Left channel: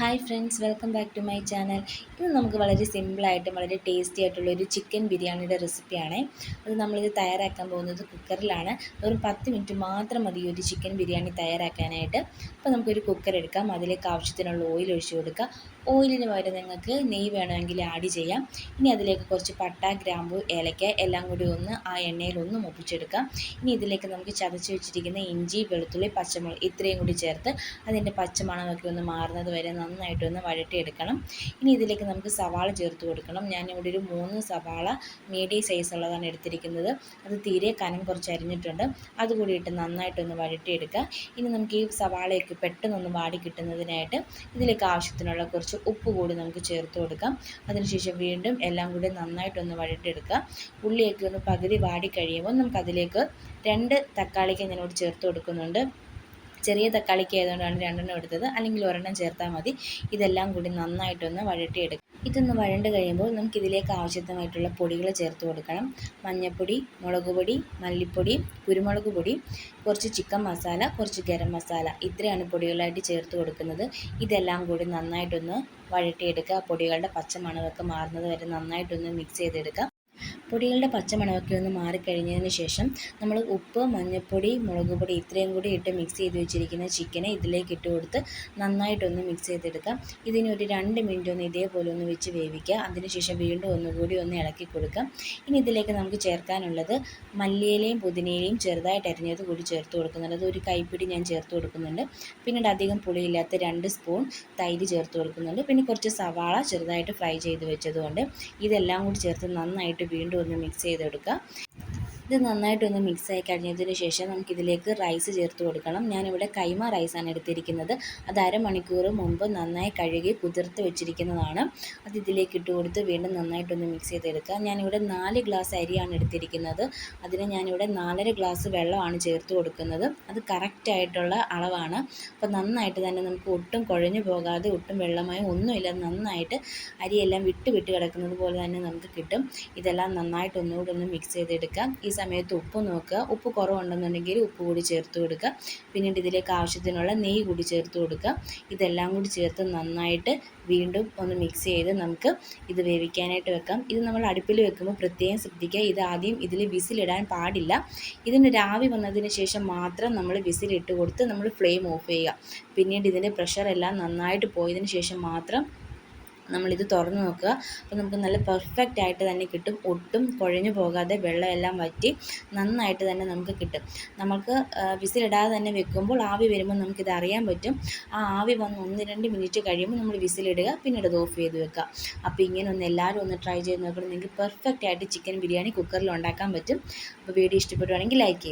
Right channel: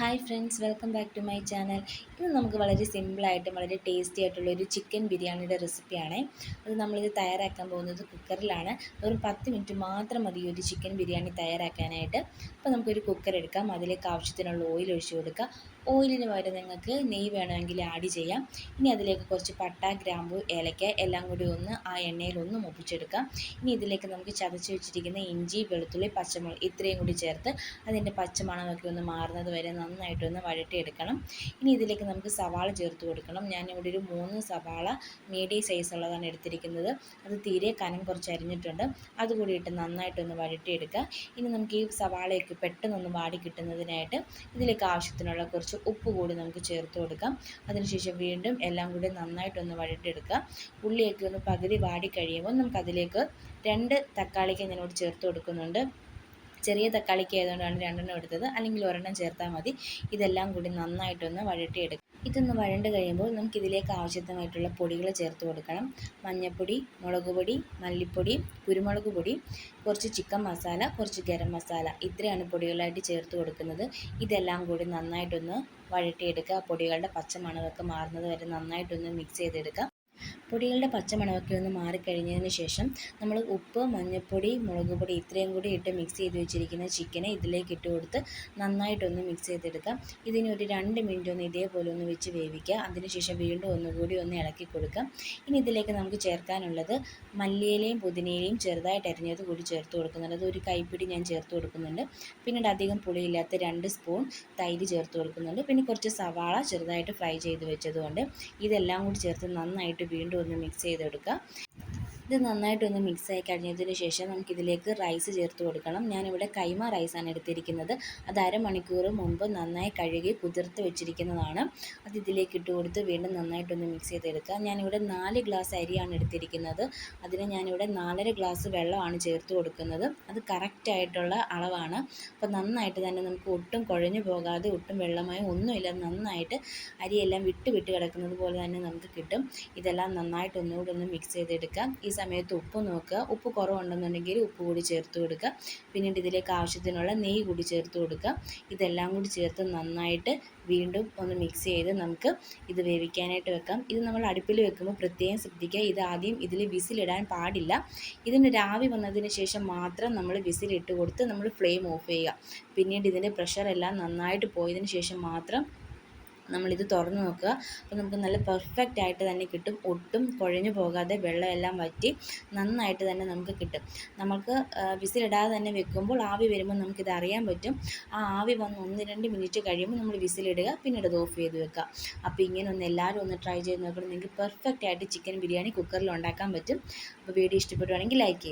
Hi friends welcome back to my channel ഇത് നമുക്ക് വളരെ സിമ്പിളായിട്ടും വളരെ ടേസ്റ്റി ആയിട്ടുള്ള ഒരു ചിക്കൻ ബിരിയാണിയുടെ റെസിപ്പിയാണ് അത് നമ്മളിത് തയ്യാറാക്കാൻ പോകുന്നത് കുക്കറിലാണ് ഒരു പത്ത് മിനിറ്റ് മാത്രം മതി ഒരു ചിക്കൻ ബിരിയാണി തയ്യാറാക്കാനായിട്ട്. അപ്പോൾ നമുക്കൊരു കുക്കർ എടുക്കാം. അതിലേക്ക് ആവശ്യത്തിനുള്ള ഓയിൽ ഒഴിച്ചു കൊടുക്കുക ഓയിലിന് പകരം നിങ്ങൾക്ക് നെയ്യ് വേണമെങ്കിൽ ആഡ് ചെയ്യാം. ഇനി അതിലേക്ക് കുറച്ച് പട്ട ഗ്രാമ്പു ഏലക്ക എല്ലാം കൂടി ഒന്ന് ആ എണ്ണയിൽ ഒന്ന് മുപ്പിച്ചെടുക്കാം. ഇനി ഇതിലേക്ക് നമുക്ക് ചതച്ച് വെച്ചിരിക്കുന്ന ഇഞ്ചി വെളുത്തുള്ളി പച്ചമുളക് ഇത്രയും കൂടി ചേർത്ത് അതിന്റെ പച്ചമണമൊക്കെ ഒന്ന് മാറുന്നത് വരെ നന്നായിട്ടൊന്ന് വഴട്ടിയെടുക്കണം ഇനി ഇതിലേക്ക് നമുക്ക് സവാള ചേർത്ത് കൊടുക്കണം. ഞാനിവിടെ ഒരു മൂന്ന് സവാള മീഡിയം സൈസ് ഉള്ളതാണ് എടുത്തിരിക്കുന്നത്. അത് തീരെ കനം കുറച്ച് അരിഞ്ഞിട്ടുണ്ട്. അതുകൂടി ഇട്ട് നന്നായിട്ടൊന്ന് വഴട്ടിയെടുക്കുക ഇനി നമുക്ക് ഈ സവാളയൊക്കെ പെട്ടെന്നൊന്ന് വാടി കിട്ടുന്നതിനായിട്ട് ഇതിലേക്ക് ആവശ്യത്തിനുള്ള കുറച്ച് ഉപ്പ് കൂടി നമുക്ക് ചേർത്ത് കൊടുക്കാം. അതിനുശേഷം വീണ്ടും എല്ലാം കൂടി നന്നായിട്ടൊന്ന് വഴട്ടിയെടുക്കുക ഉള്ളിയൊക്കെ ഒന്ന് പകുതി വാടി കഴിയുമ്പോൾ നമുക്ക് അതിലേക്ക് രണ്ട് തക്കാളിക്ക് ഞാനിവിടെ ചേർത്ത് കൊടുക്കുന്നുണ്ട്. ചെറിയ തക്കാളിക്ക് ആയതുകൊണ്ടാണ് രണ്ടെണ്ണം എടുത്തത്. അല്ലെങ്കിൽ ഒരെണ്ണം ചേർത്താൽ മതി. ഇതെല്ലാം കൂടി നന്നായിട്ടൊന്ന് വഴട്ടിയെടുക്കും ഇതൊന്ന് വഴണ്ട് കഴിയുമ്പോൾ നമുക്ക് ഇതിലേക്ക് ആവശ്യമായിട്ടുള്ള പൊടികൾ ചേർത്ത് കൊടുക്കണം. മഞ്ഞൾപ്പൊടി മുളക് പൊടി മല്ലിപ്പൊടി കുരുമുളക് പൊടി കുറച്ച് ചിക്കൻ മസാല കുറച്ച് ഗരം മസാല. ഇത്രയാണ് പൊടികളായിട്ട് ചേർത്ത് കൊടുക്കുന്നത്. ഇതെല്ലാം കൂടി നന്നായിട്ടൊന്ന് വഴട്ടിയെടുക്കുക പൊടികളുടെ പച്ച മണമൊക്കെ മാറുന്നത് വരെ നന്നായിട്ടൊന്ന് മിക്സ് ചെയ്തെടുക്കുക പൊടികളുടെ പച്ചമണമൊക്കെ ഒന്ന് മാറിക്കഴിഞ്ഞതിന് ശേഷം നമ്മൾ ഉപ്പ് മഞ്ഞൾപ്പൊടി മുളക് പൊടി ഇത്രയും കൂടി ഇട്ട് മിക്സ് ചെയ്ത് വെച്ചിരിക്കുന്ന ചിക്കനെ ഇതിലേക്ക് ഇട്ട് കൊടുത്ത് നന്നായിട്ടൊന്ന് മിക്സ് ചെയ്തെടുക്കാം. ഇതിനൊരു രണ്ട് മിനിറ്റ് ഒന്ന് ഇതേപോലെ ഒന്ന് വെച്ച് വേവിക്കുക. അതിനുശേഷം വീണ്ടും ഒന്നുകൂടി ഒന്ന് ഇളക്കി കൊടുക്കാം. ഇനി ഇതിലേക്ക് നമുക്ക് ചേർക്കാനുള്ളത് മല്ലിയിലയും പുതിനയിലയും ചെറുതായിട്ട് അരിഞ്ഞത് കൂടി ചേർത്ത് കൊടുക്കുന്നുണ്ട്. അത് ഒരു കൈപ്പിടി ഞാൻ ചേർത്ത് കൊടുക്കുന്നുണ്ട്. പിന്നീട് അധികം പുളിയില്ലാത്ത രണ്ട് സ്പൂൺ തൈര് ചേർത്ത് കൊടുക്കുന്നുണ്ട്. പിന്നെ കുറച്ച് സവാള ചെറുതായിട്ട് ഫ്രൈ ചെയ്ത് വെച്ചതുകൊണ്ട് ഇതെല്ലാം കൂടി ചേർത്ത് നന്നായിട്ട് വീണ്ടും ഒന്ന് മിക്സ് ചെയ്തെടുക്കുക ഇത് നന്നായിട്ടൊന്ന് മിക്സ് ആയി കഴിഞ്ഞതിന് ശേഷം നമുക്കിതിലേക്ക് റൈസ് ചേർത്ത് കൊടുക്കണം. ഞാനിവിടെ കൈമ റൈസാണ് എടുത്തിരിക്കുന്നത്. അത് അരമണിക്കൂർ മുമ്പ് നന്നായി കഴുകി കുതിർത്ത് വെച്ചിരിക്കുന്നതാണ്. അത് ഇതിലേക്ക് ഇട്ട് കൊടുത്ത് വീണ്ടും നന്നായിട്ടൊന്ന് മിക്സ് ചെയ്തെടുക്കുക. ഞാനിവിടെ നാല് ഗ്ലാസ് അരിയാണ് എടുത്തിരിക്കുന്നത്. അതിന് ഞാനിവിടെ നാലര ഗ്ലാസ് വെള്ളമാണ് ചേർത്ത് കൊടുക്കുന്നത്. അത് കറക്റ്റായിട്ടുള്ള അളവാണ്. അപ്പോൾ നന്നായിട്ട് തന്നെ നമുക്ക് ഒട്ടും കുഴഞ്ഞു പോകാതെ ഒട്ടും വെള്ളമായി ഒന്നുമില്ല നന്നായിട്ട് അരിയെല്ലാം വിട്ട് വിട്ട് കിടക്കുന്നത് പോലെ തന്നെ നമുക്ക് കിട്ടും. ഇതെല്ലാം നന്നായിട്ട് ഒന്നുകൂടി ഒന്ന് മിക്സ് ചെയ്തെടുക്കാം ഈ സമയത്ത് ഉപ്പ് നോക്കുക. ഉപ്പ് കുറവുണ്ടെന്നുണ്ടെങ്കിൽ ഉപ്പ് കൂടി ചേർത്ത് കൊടുക്കുക. പിന്നീട് ഇതിലേക്ക് ആവശ്യത്തിനുള്ള നെയ്യ് കൂടി ചേർത്ത് കൊടുക്കുക. ഇതെല്ലാം കൂടി ചേർത്ത് നന്നായിട്ട് വീണ്ടും ഒന്ന് മിക്സ് ചെയ്ത് നമുക്ക് ഇത് വേവിക്കാനായിട്ട് വെക്കാം. ഇത് നമ്മൾ അടുപ്പിൽ വെക്കുമ്പോൾ പ്രത്യേകം ശ്രദ്ധിക്കുക. ഇത് ആദ്യം ഇതിൽ വിസിലിടാൻ പാടില്ല. ഇതിന് രാവി വന്നതിന് ശേഷം മാത്രം നമ്മൾ വിസിലിട്ട് കൊടുത്ത് നമ്മൾ ഫ്ലെയിം ഓഫ് ചെയ്യുക. പിന്നീട് ഇതിന്റെ പ്രഷറെല്ലാം നന്നായിട്ട് പോയതിന് ശേഷം മാത്രം നമ്മളിത് തുറന്ന് നോക്കുക. അപ്പോൾ നമുക്ക് നല്ല പെർഫെക്റ്റ് ആയിട്ട് തന്നെ കിട്ടും. ഒട്ടും കുഴഞ്ഞു പോകാതെ വെള്ളമെല്ലാം വറ്റി നന്നായിട്ട് തന്നെ നമുക്ക് കിട്ടും. നമുക്ക് വിസിലിടാതെ തന്നെ വെക്കുമ്പോൾ ആവി വരുമ്പോൾ നമുക്കിത് അറിയാൻ പറ്റും. ആ ആവി വന്ന് ഒന്ന് രണ്ട് മിനിറ്റ് കഴിയുമ്പോൾ നമ്മൾ വിസിലിടുക പിന്നീട് അത് ഓഫ് ചെയ്ത് വെക്കുക. അപ്പോൾ ഇങ്ങനെ ഒന്ന് എല്ലാവരും ഒന്ന് ട്രൈ ചെയ്ത് നോക്കണം. നിങ്ങൾക്ക് പെർഫെക്റ്റ് ആയിട്ട് ചിക്കൻ ബിരിയാണി കുക്കറിൽ ഉണ്ടാക്കാൻ പറ്റും. അപ്പോൾ വീഡിയോ ഇഷ്ടപ്പെടുവാണെങ്കിൽ ലൈക്ക് ചെയ്യുക.